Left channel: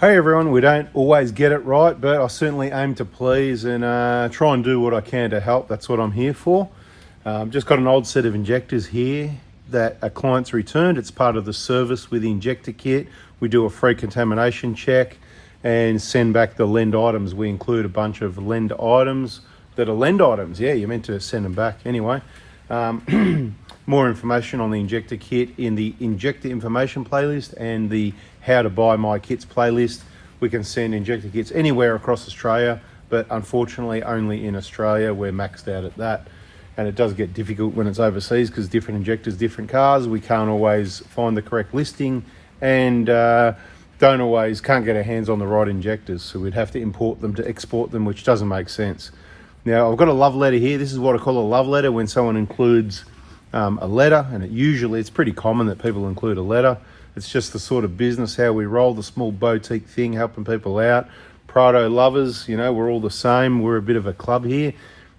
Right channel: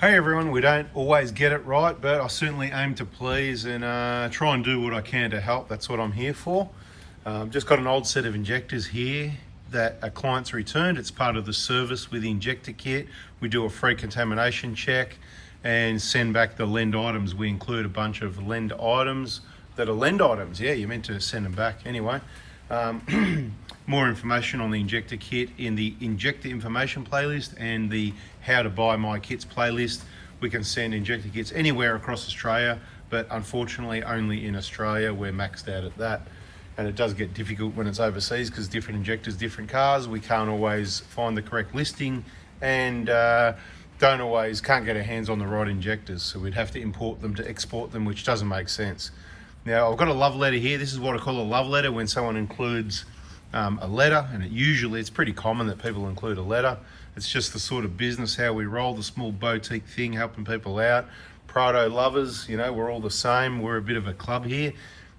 Hey everyone, we don't always get it right, but I certainly aim to please and try and do what I can to help. That's what I'm here for. Just got an old set of injectors here that a client's returned. It's part of the service with the injector kit. We do a free contamination check and send back the lend items. We include a bunch of lend items that are lend items. Yeah, you're meant to send them back anyway. More information on the injector kit in the injector information playlist and the how to buy my kits playlist. We can send injector kits anywhere across Australia, but unfortunately only in Australia. We're maxed out at that, and it does get difficult when it's overseas because different injectors, different cars. We can't always find the correct listing and can't get our hands on the right injectors, so we'd have to import them to export them, which doesn't make sense. Now I've got a love letter here. This is what I call a love letter when someone includes a letter, and it's pretty common that people include a letter. It's just the sort of business how we roll, the small boutique thing, helping people out. Prado lovers, we're all the same. We're a bit of a club here,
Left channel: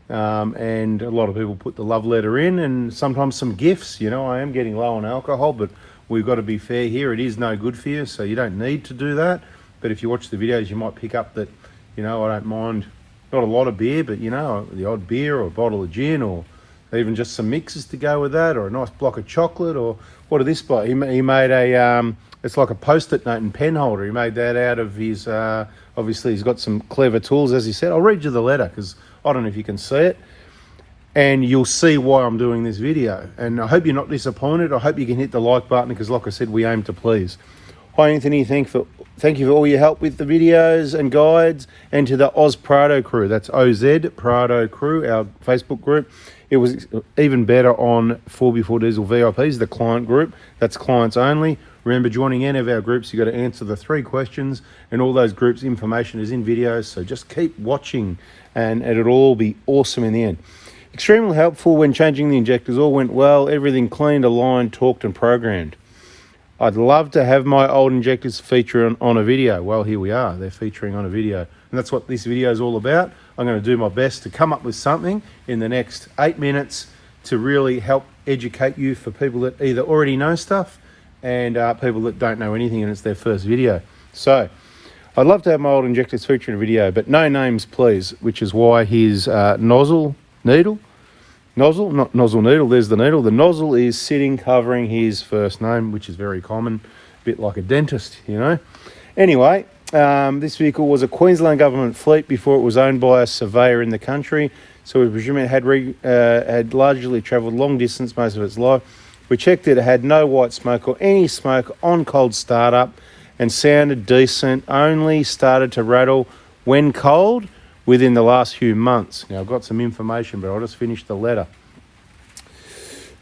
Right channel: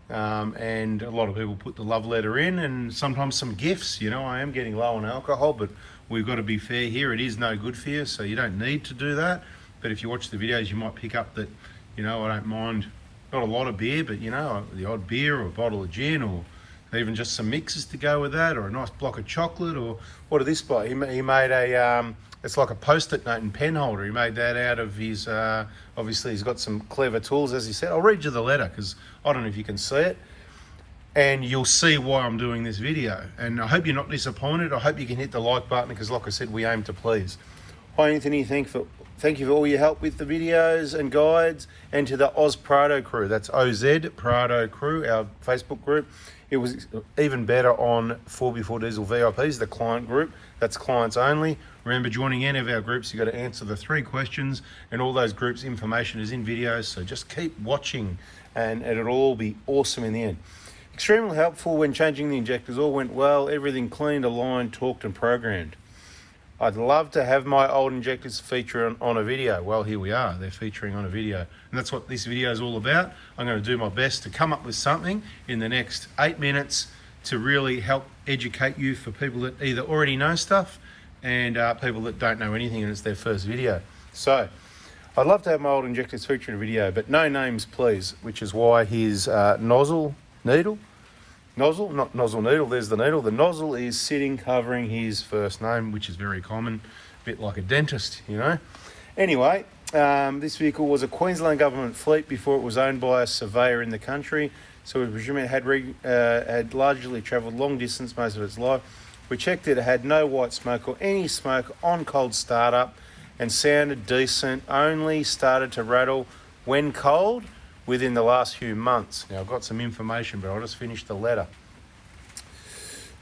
and a lot of people put the love letter in, and sometimes some gifts. I am getting low on alcohol, but we've got to be fair here. It is no good for you, so you don't need to do that. But if you watch the videos, you might pick up that, I don't mind not a lot of beer, but the odd beer or a bottle of gin, or even just some mixes to go with that, or a nice block of chocolate. Or what did this bloke? He made a it's like a post-it note and pen holder. He made that out of his obviously he's got some clever tools, as he said. I'll read you the letter because I don't know if you can see it, and you'll see why I'm doing this video. And I hope you're not disappointed. I hope you can hit the like button because, like I said, we aim to please. Hi Anthony, thank you for all your help with the videos and guides, and to the Oz Prado crew. That's OZ Prado crew, our Facebook group. It was even better on 4x4 Diesel VIPs, the client group. That's clients only. Remember, joining any of our groups, you got to answer the 3 questions, and all those groups' information is in videos. So just keep watching, and it'll all be awesome in the end. Extremely helpful when changing the injectors. All went well. Everything cleaned, aligned, torqued, and programmed. I'd love to have my old injectors feature on a video. Well, here we are. They're featuring on a video. And that's what this video is all about. I'm going to do my best to come up with something in the next 8 minutes to really help educate you, for people that either already know stuff and people that don't know anything and it's their first video. So I'd love to have my old injectors feature in a video, but no names, please, which is why his nozzle, not nozzle needle, there's the needle. The nozzle is sitting covering his first name, which is very common, a bit like a dentist, Anyway, this vehicle was a Queensland government fleet before it was owned by a surveyor in the country, so we presume it had largely travelled long distance most of its life. We checked it had no white smoke or any smoke on cold startup and sounded decent, only started to rattle when cold within the last few months. Now, I've got some information, but I'll just finish the letter.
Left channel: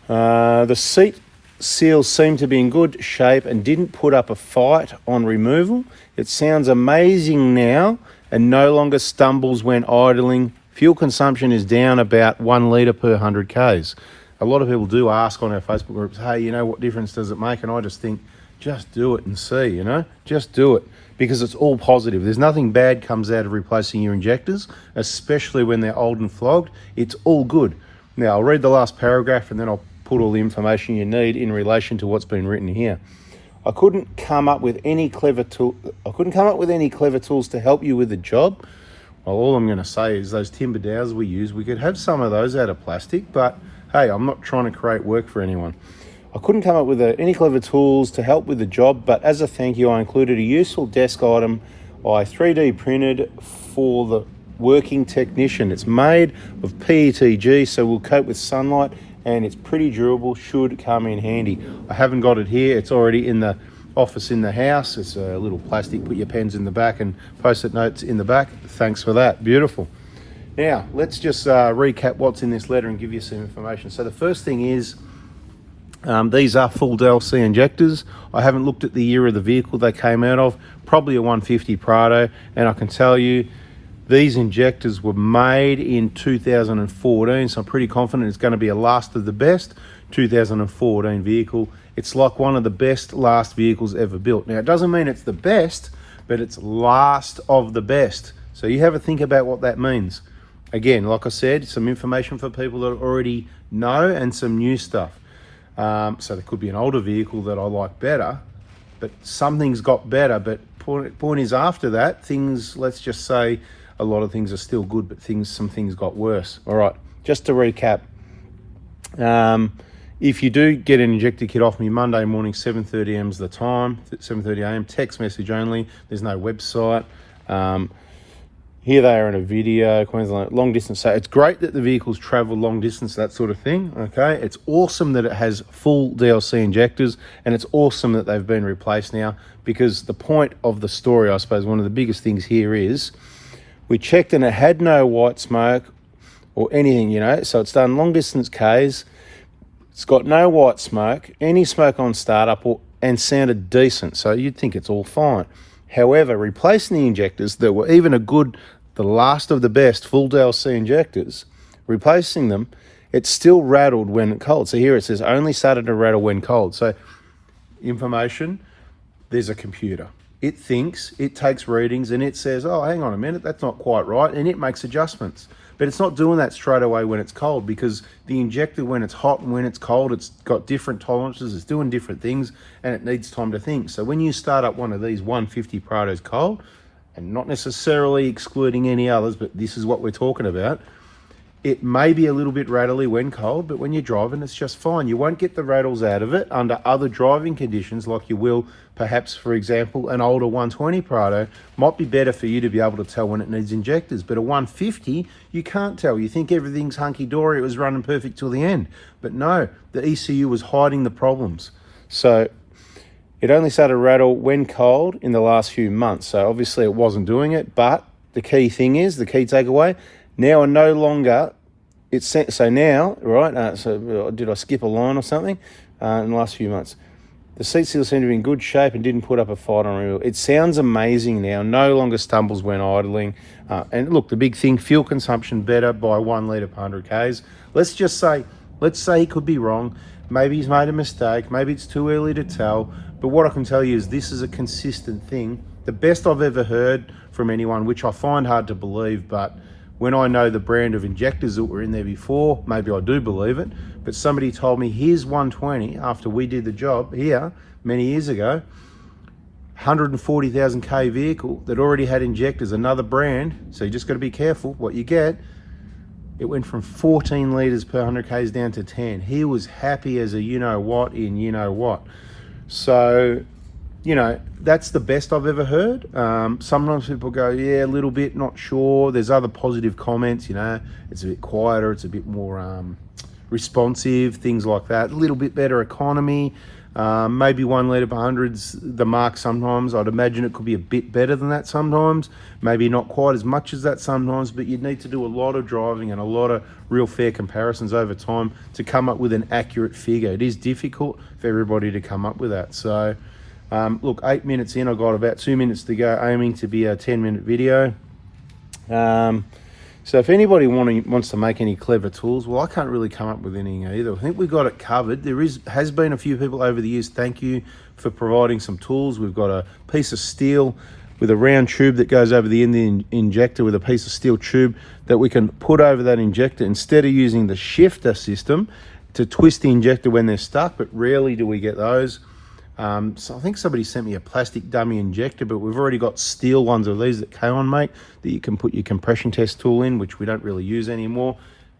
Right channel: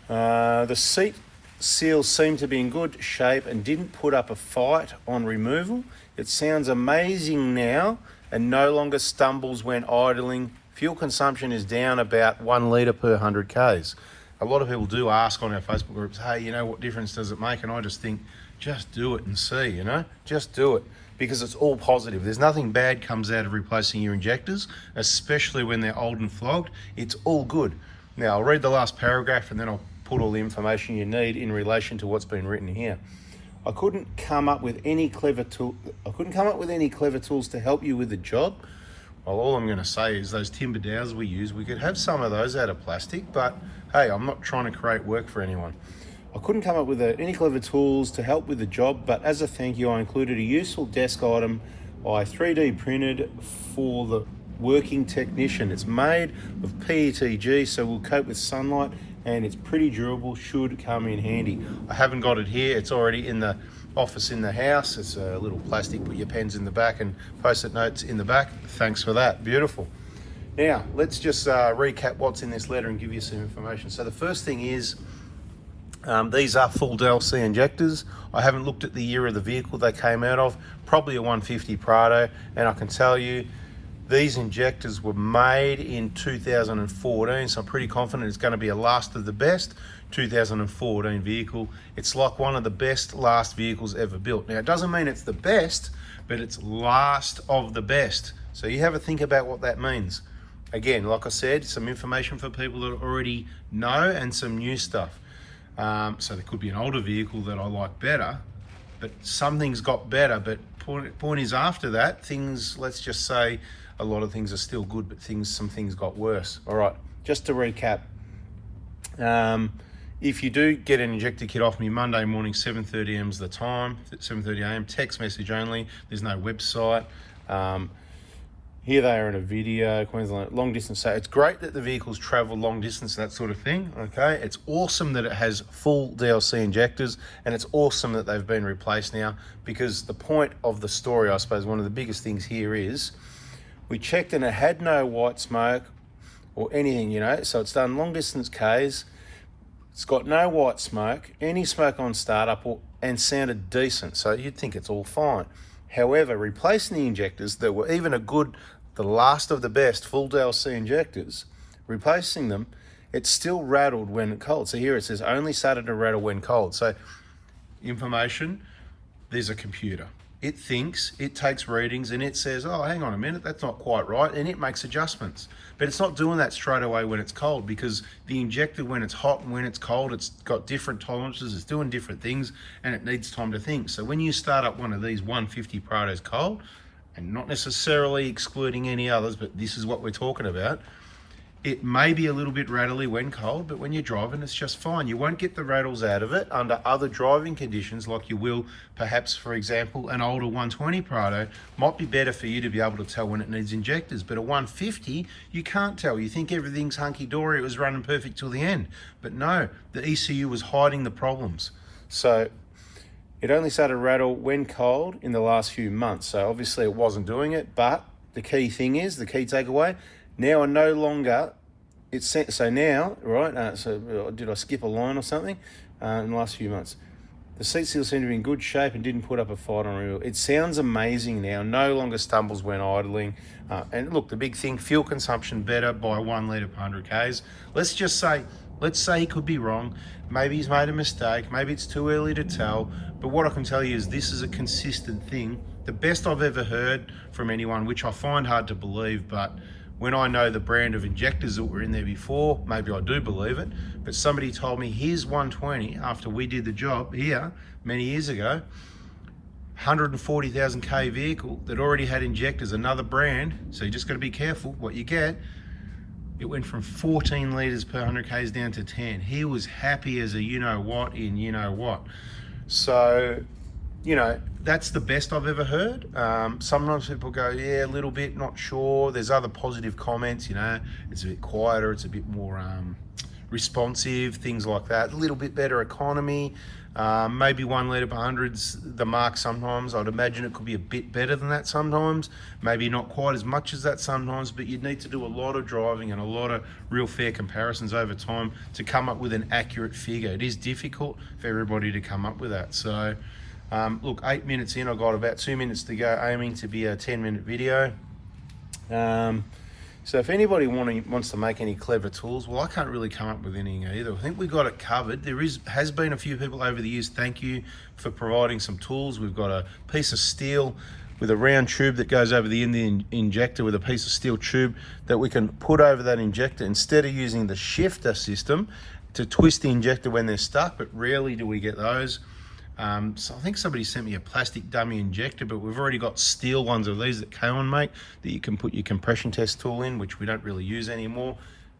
The seat seals seem to be in good shape and didn't put up a fight on removal. It sounds amazing now and no longer stumbles when idling. Fuel consumption is down about 1 litre per 100 Ks. A lot of people do ask on our Facebook groups, hey, what difference does it make? And I just think, just do it and see, just do it. Because it's all positive. There's nothing bad comes out of replacing your injectors, especially when they're old and flogged. It's all good. Now, I'll read the last paragraph and then I'll put all the information you need in relation to what's been written here. I couldn't come up with any clever tools to help you with the job. Well, all I'm going to say is those timber dowels we use, we could have some of those out of plastic, but hey, I'm not trying to create work for anyone. I couldn't come up with any clever tools to help with the job, but as a thank you, I included a useful desk item I 3D printed for the working technician. It's made of PETG, so will cope with sunlight, and it's pretty durable, should come in handy. I haven't got it here. It's already in the office in the house. It's a little plastic, put your pens in the back and post-it notes in the back. Thanks for that, beautiful. Now, let's just recap what's in this letter and give you some information. So the first thing is, these are full DLC injectors. I haven't looked at the year of the vehicle they came out of, probably a 150 Prado, and I can tell you these injectors were made in 2014, so I'm pretty confident it's going to be a last of the best 2014 vehicle. It's like one of the best last vehicles ever built. Now, it doesn't mean it's the best, but it's last of the best. So you have a think about what that means. Again, like I said, some information for people that already know and some new stuff. So there could be an older vehicle that I like better, but something's got better, but point is, after that, things, let's just say a lot of things are still good, but some things got worse. All right, just to recap, if you do get an injector kit off me Monday morning, 7:30 a.m. is the time, 7:30 a.m, text message only, there's no website. Here they are in a video, Queensland long distance. So it's great that the vehicles travel long distance, that sort of thing, okay? It's awesome that it has full DLC injectors, and it's awesome that they've been replaced now, because the point of the story, I suppose, one of the biggest things here is, we checked and it had no white smoke or anything, you know, so it's done long distance Ks, it's got no white smoke, any smoke on startup, and sounded decent, so you'd think it's all fine. However, replacing the injectors that were even the last of the best full DLC injectors, replacing them, it still rattled when cold. So here it says only started to rattle when cold. So information, there's a computer. It thinks, it takes readings, and it says, oh, hang on a minute, that's not quite right, and it makes adjustments. But it's not doing that straight away when it's cold, because the injector, when it's hot and when it's cold, it's got different tolerances, it's doing different things, and it needs time to think. So when you start up one of these 150 Prados cold, and not necessarily excluding any others, but this is what we're talking about, it may be a little bit rattly when cold, but when you're driving, it's just fine. You won't get the rattles out of it under other driving conditions, like you will, perhaps, for example, an older 120 Prado might be better for you to be able to tell when it needs injectors, but a 150, you can't tell. You think everything's hunky-dory, it was running perfect till the end. But no, the ECU was hiding the problems. So it only started to rattle when cold in the last few months. So obviously it wasn't doing it, but the key thing is, the key takeaway, now are no longer, so now, right, so did I skip a line or something in the last few months? The seat seals seem to be in good shape and didn't put up a fight on real. It sounds amazing now, no longer stumbles when idling. And look, the big thing, fuel consumption better by 1 litre per 100 Ks. Let's say he could be wrong. Maybe he's made a mistake, maybe it's too early to tell, but what I can tell you is this is a consistent thing. The best I've ever heard from anyone, which I find hard to believe, but when I know the brand of injectors that were in there before, maybe I do believe it, but somebody told me, here's 120, after we did the job here many years ago, 140,000 K vehicle that already had injectors, another brand, so you just got to be careful what you get. It went from 14 litres per 100 Ks down to 10. He was happy as a you-know-what in you-know-what. So, you know, that's the best I've ever heard. Sometimes people go, yeah, a little bit, not sure. There's other positive comments, you know, it's a bit quieter, it's a bit more responsive, things like that. A little bit better economy. Maybe 1 litre per 100's the mark sometimes. I'd imagine it could be a bit better than that sometimes. Maybe not quite as much as that sometimes, but you'd need to do a lot of driving and a lot of real fair comparisons over time to come up with an accurate figure. It is difficult for everybody to come up with that. So, look, 8 minutes in, I've got about 2 minutes to go, aiming to be a 10-minute video. So if anybody wants to make any clever tools, well, I can't really come up with anything either. I think we got it covered. There has been a few people over the years, thank you for providing some tools. We've got a piece of steel with a round tube that goes over the end of the injector with a piece of steel tube that we can put over that injector instead of using the shifter system to twist the injector when they're stuck, but rarely do we get those. So I think somebody sent me a plastic dummy injector, but we've already got steel ones of these that K-On make that you can put your compression test tool in, which we don't really use anymore.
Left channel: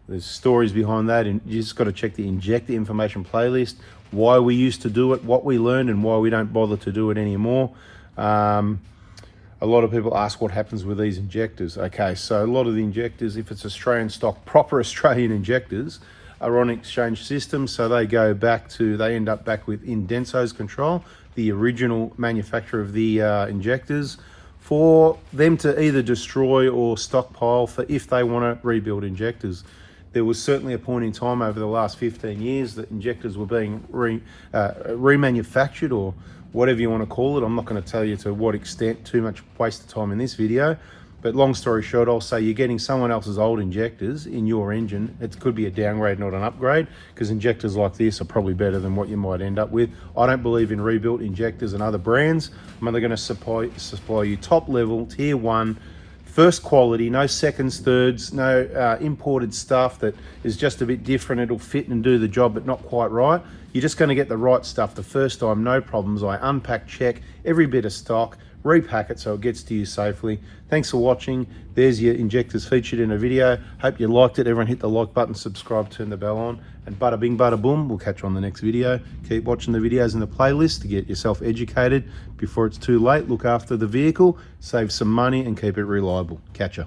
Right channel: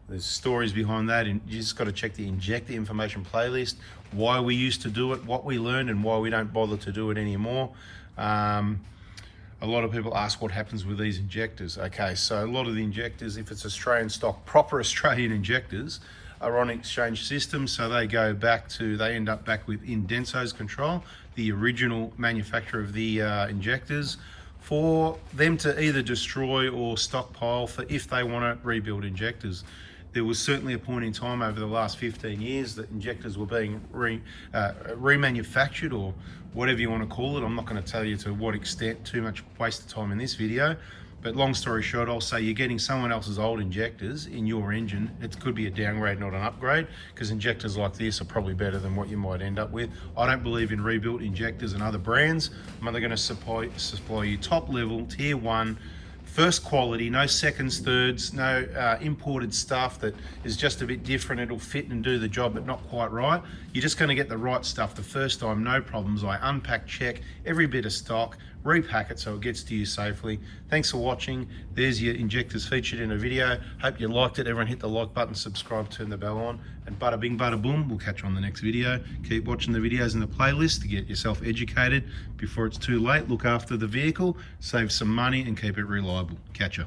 There's stories behind that, and you just got to check the injector information playlist, why we used to do it, what we learned, and why we don't bother to do it anymore. A lot of people ask what happens with these injectors. Okay, so a lot of the injectors, if it's Australian stock, proper Australian injectors, are on exchange system, so they end up back with Indenso's control, the original manufacturer of the injectors, for them to either destroy or stockpile for if they want to rebuild injectors. There was certainly a point in time over the last 15 years that injectors were being remanufactured, or whatever you want to call it. I'm not going to tell you to what extent, too much waste of time in this video. But long story short, I'll say you're getting someone else's old injectors in your engine. It could be a downgrade, not an upgrade, because injectors like this are probably better than what you might end up with. I don't believe in rebuilt injectors and other brands. I'm only going to supply you top level, tier 1, first quality, no seconds, thirds, no imported stuff that is just a bit different. It'll fit and do the job, but not quite right. You're just going to get the right stuff the first time, no problems. I unpack, check every bit of stock, repack it so it gets to you safely. Thanks for watching. There's your injectors featured in a video. Hope you liked it. Everyone hit the like button, subscribe, turn the bell on, and bada bing, bada boom. We'll catch you on the next video. Keep watching the videos in the playlist to get yourself educated before it's too late. Look after the vehicle, save some money, and keep it reliable. Catch ya.